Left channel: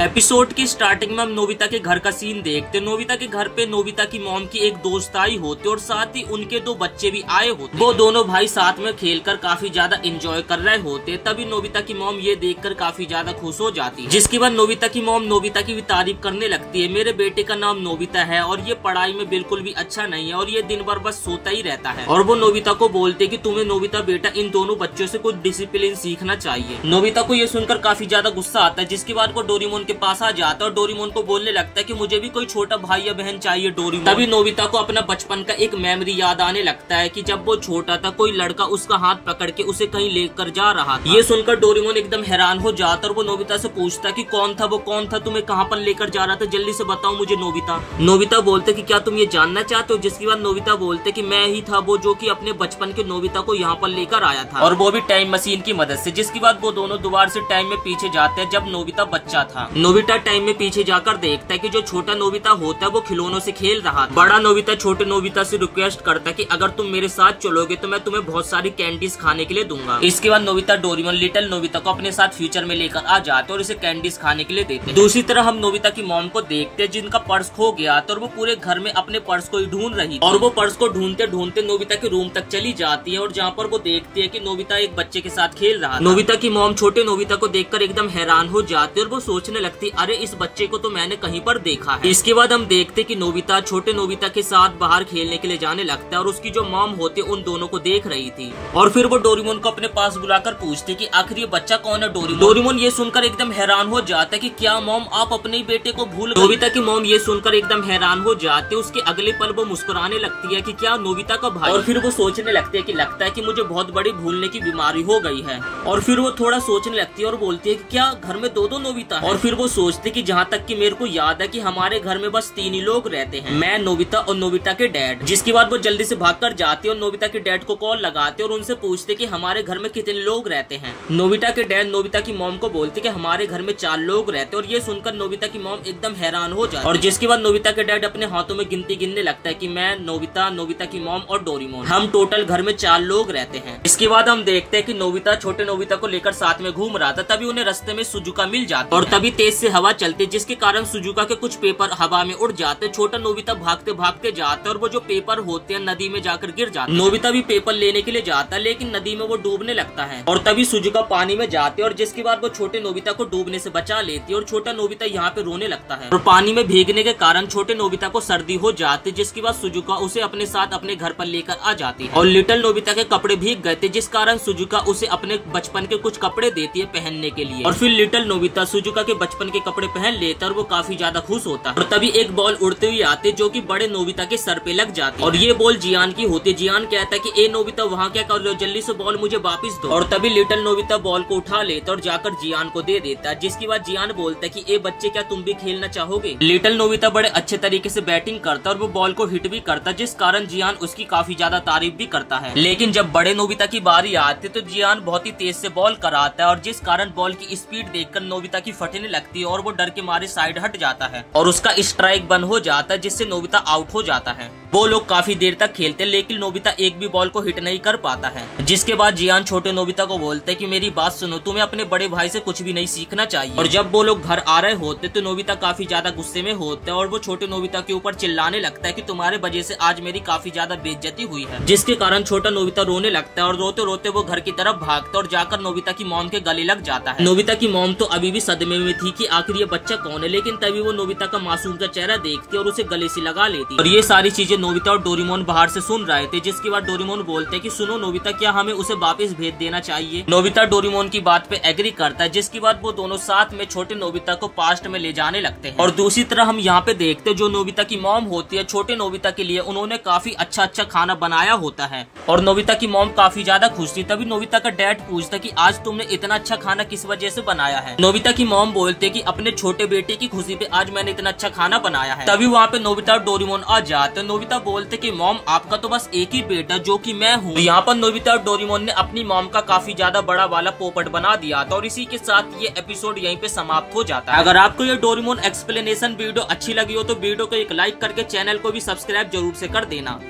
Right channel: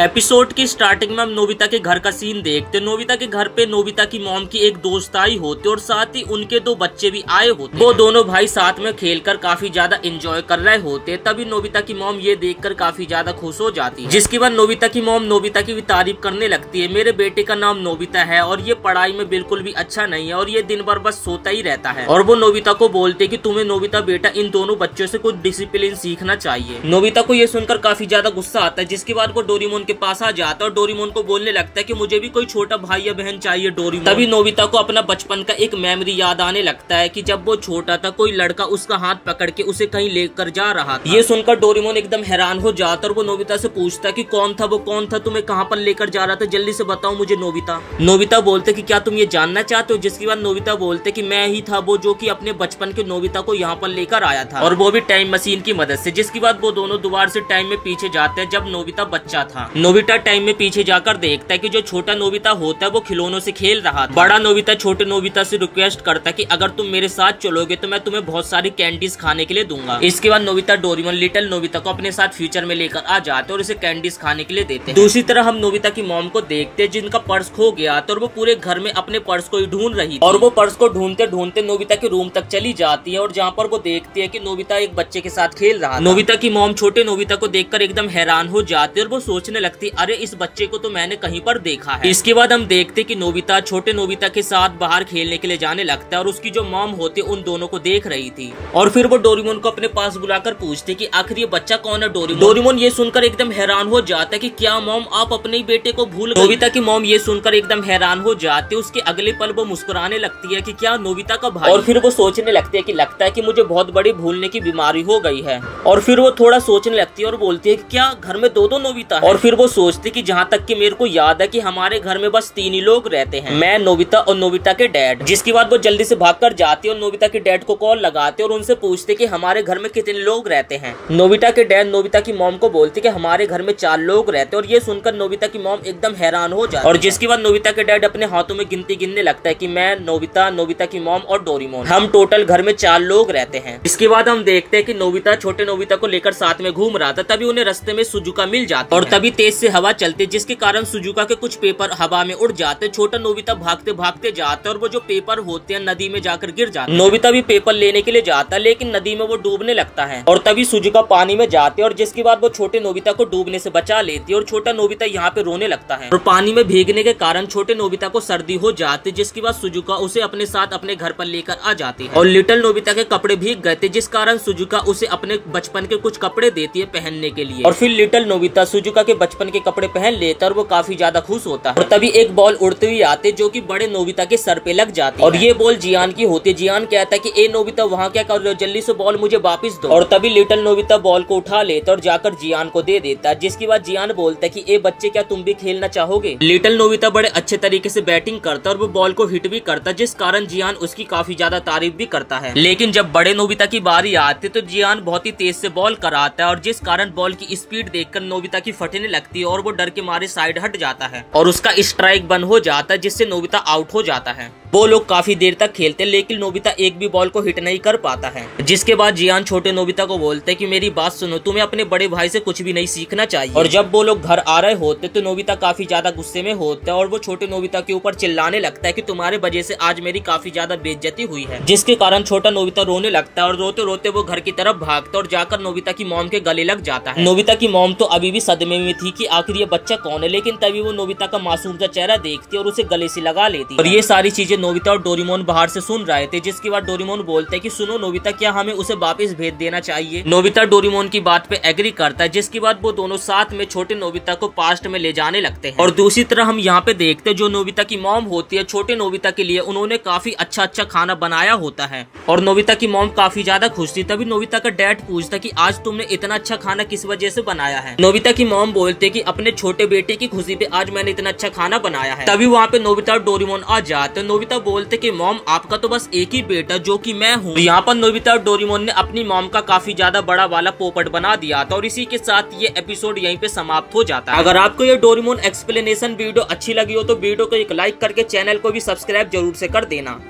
Episode की starting में हम नोबिता के घर का सीन देखते। नोबिता के घर पे नोबिता की मॉम की एक दोस्त आई होती और साथ ही उनके दो बच्चे भी आए होते। वो दोनों भाई साथ में खेलकर काफी ज्यादा एंजॉय कर रहे होते। तभी नोबिता की मॉम ये देखकर काफी ज्यादा खुश हो जाती है, जिसके बाद नोबिता की मॉम नोबिता की भी तारीफ करने लगती है। मेरे बेटे का नाम नोबिता है और ये पढ़ाई में बिल्कुल भी अच्छा नहीं है और ये दिन भर बस सोता ही रहता है। और वो नोबिता को बोलते कि तुम्हें नोबिता बेटा इन दोनों बच्चों से कुछ डिसिप्लिन सीखना चाहिए। नोबिता को ये सुनकर काफी ज्यादा गुस्सा आता है, जिसके बाद वो डोरेमोन के पास आ जाता है और डोरेमोन को बोलने लगता है कि मुझे भी कोई छोटा भाई या बहन चाहिए डोरेमोन। तभी नोबिता को अपना बचपन का एक मेमोरी याद आने लगता है कि जब वो छोटा था कोई लड़का उसका हाथ पकड़ के उसे कहीं लेकर जा रहा था। ये सुनकर डोरेमोन एकदम हैरान हो जाता और वो नोबिता से पूछता कि कौन था, वो कौन था, तुम्हें कहाँ पर लेकर जा रहा था, जल्दी से बताओ मुझे नोबिता। नोबिता बोलते कि क्या तुम ये जानना चाहते हो, जिसके बाद नोबिता बोलते कि मैं ही था वो जो कि अपने बचपन के नोबिता को यहाँ पर लेकर आया था, और वो भी टाइम मशीन की मदद से। जिसके बाद वो दोनों दोबारा से टाइम में पीछे जाते हैं जब नोबिता बच्चा था। नोबिता टाइम में पीछे जाकर देखता है कि जो छोटा नोबिता होता है वो खिलौनों से खेल रहा था। बड़ा नोबिता छोटे नोबिता से रिक्वेस्ट करता है कि अगर तुम मेरे साथ चलोगे तो मैं तुम्हें बहुत सारी कैंडीज खाने के लिए दूंगा। इसके बाद नोबिता डोरेमोन लिटिल नोबिता को अपने साथ फ्यूचर में लेकर आ जाते और उसे कैंडीज खाने के लिए देते हैं। दूसरी तरफ हम नोबिता की मॉम को देखते हैं जिनका पर्स खो गया था और वो पूरे घर में अपने पर्स को ही ढूंढ रही थी। और वो पर्स को ढूंढते ढूंढते नोबिता के रूम तक चली जाती है और जहाँ पर वो देखती है कि नोबिता एक बच्चे के साथ खेल रहा था। नोबिता की मॉम छोटे नोबिता को देखकर एकदम हैरान हो जाती है और वो सोचने लगती अरे इस बच्चे को तो मैंने कहीं पर देखा है। इसके बाद हम देखते कि नोबिता छोटे नोबिता के साथ बाहर खेलने के लिए जाने लगता है और उसकी जो मॉम होती उन दोनों को देख रही थी। और फिर वो डोरेमोन को अपने पास बुलाकर पूछती कि आखिर ये बच्चा कौन है डोरेमोन। डोरेमोन ये सुनकर एकदम हैरान हो जाता है कि क्या मॉम आप अपने ही बेटे को भूल गई। नोबिता की मॉम ये सुनकर एकदम हैरान हो जाती है। उसके अगले पल वो मुस्कुराने लगती है कि क्या नोबिता का भाई। और फिर वो सोचने लगती है कि लगता है कि मुझे बहुत बड़ी भूलने की बीमारी हो गई है। और फिर वो थोड़ा सोचने लगती है और बोलती है कि क्या घर में दो नोबिता है। और फिर वो सोचती कि जहाँ तक कि मेरे को याद है कि हमारे घर में बस 3 ही लोग रहते हैं, मैं, नोबिता और नोबिता के डैड। जिसके बाद वो जल्दी से भागकर जाती है और नोबिता के डैड को कॉल लगाते और उनसे पूछते कि हमारे घर में कितने लोग रहते हैं। नोबिता के डैड नोबिता की मॉम को बोलते कि हमारे घर में 4 लोग रहते हैं। और ये सुनकर नोबिता की मॉम एकदम हैरान हो जाती है। और जिसके बाद नोबिता के डैड अपने हाथों में गिनती गिनने लगता है कि मैं, नोबिता, नोबिता की मॉम और डोरेमोन, हम टोटल घर में 4 लोग रहते हैं। इसके बाद हम देखते हैं कि नोबिता छोटे नोबिता को लेकर साथ में घूम रहा था। तभी उन्हें रास्ते में सुजुका मिल जाती और तभी तेज से हवा चलती, जिसके कारण सुजुका के कुछ पेपर हवा में उड़ जाते। छोटा नोबिता भागते भागते जाता है और वो जो पेपर होते हैं नदी में जाकर गिर जाते हैं। नोबिता भी पेपर लेने के लिए जाता है लेकिन नदी में वो डूबने लगता है और तभी सुजुका पानी में जाते हैं। और जिसके बाद वो छोटे नोबिता को डूबने से बचा लेती है और छोटा नोबिता यहाँ पे रोने लगता है। और पानी में भीगने के कारण छोटे नोबिता को सर्दी हो जाती, जिसके बाद सुजुका उसे अपने साथ अपने घर पर लेकर आ जाती है। और लिटिल नोबिता के कपड़े भीग गए थे, जिस कारण सुजुका उसे अपने बचपन के कुछ कपड़े देती है पहनने के लिए। और फिर लिटिल नोबिता सुजुका के बचपन के कपड़े पहन लेता है और वो काफी ज्यादा खुश होता है। और तभी एक बॉल उड़ते हुए आते जो कि बड़े नोबिता के सर पे लग जाती है। और ये बॉल जियान की होती है। जियान कहता है कि ए नोबिता वहाँ क्या कर रहे हो, जल्दी से बॉल मुझे वापस दो। और तभी लिटिल नोबिता बॉल को उठा लेता और जाकर जियान को दे देता है। जिसके बाद जियान बोलता है कि ए बच्चे क्या तुम भी खेलना चाहोगे। लिटिल नोबिता बड़े अच्छे तरीके से बैटिंग करता और वो बॉल को हिट भी करता, जिस कारण जियान उसकी काफी ज्यादा तारीफ भी करता है। लेकिन जब बड़े नोबिता की बारी आती तो जियान बहुत ही तेज से बॉल कराता है और जिस कारण बॉल की स्पीड देखकर नोबिता की फटने लगती है और वो डर के मारे साइड हट जाता है और उसका स्ट्राइक बंद हो जाता है, जिससे नोबिता आउट हो जाता है। वो लोग काफी देर तक खेलते लेकिन नोबिता एक भी बॉल को हिट नहीं कर पाता है। जिसके बाद जियान छोटे नोबिता को बोलते कि मेरी बात सुनो, तुम्हें अपने बड़े भाई से कुछ भी नहीं सीखना चाहिए। और जब वो लोग घर आ रहे होते तो नोबिता काफी ज्यादा गुस्से में होता है और वो छोटे नोबिता के ऊपर चिल्लाने लगता है कि तुम्हारे वजह से आज मेरी काफी ज्यादा बेइज्जती हुई है। जिसके कारण छोटा नोबिता रोने लगता है और रोते रोते वो घर की तरफ भागता और जाकर नोबिता की मॉम के गले लग जाता है। नोबिता की मॉम तो अभी भी सदमे में थी कि आखिर ये बच्चा कौन है, लेकिन तभी वो नोबिता का मासूम सा चेहरा देखती और उसे गले से लगा लेती। और ये सारी चीजें नोबिता और डोरेमोन बाहर से सुन रहे थे। जिसके बाद डोरेमोन बोलते हैं कि सुनो नोबिता, क्या हमें उसे वापस भेज देना चाहिए। नोबिता डोरेमोन की बात पे एग्री करता है, जिसके बाद वो दोनों साथ में छोटे नोबिता को पास्ट में ले जाने लगते हैं। और दूसरी तरह हम यहाँ पे देखते हैं जो नोबिता की मॉम होती है छोटे नोबिता के लिए उन्होंने काफी अच्छा खाना बनाया होता है और नोबिता की मॉम काफी ज्यादा खुश थी। तभी नोबिता का डैड पूछता कि आज तुमने इतना अच्छा खाना किस वजह से बनाया है। नोबिता की मॉम बोलते कि अपने छोटे बेटे की खुशी पे आज मैंने इतना अच्छा खाना बनाया है। तभी वहाँ पे नोबिता और डोरेमोन आ जाते। नोबिता बोलते कि मॉम आपका तो बस एक ही बेटा जो कि मैं हूँ। यहाँ पर नोबिता और डोरेमोन ने अपनी मॉम का काफी ज्यादा बड़ा वाला पोपट बना दिया था और इसी के साथ ये एपिसोड यहीं पे समाप्त हो जाता है। अगर आपको ये डोरेमोन एक्सप्लेनेशन वीडियो अच्छी लगी हो तो वीडियो को एक लाइक करके चैनल को भी सब्सक्राइब जरूर से कर देना।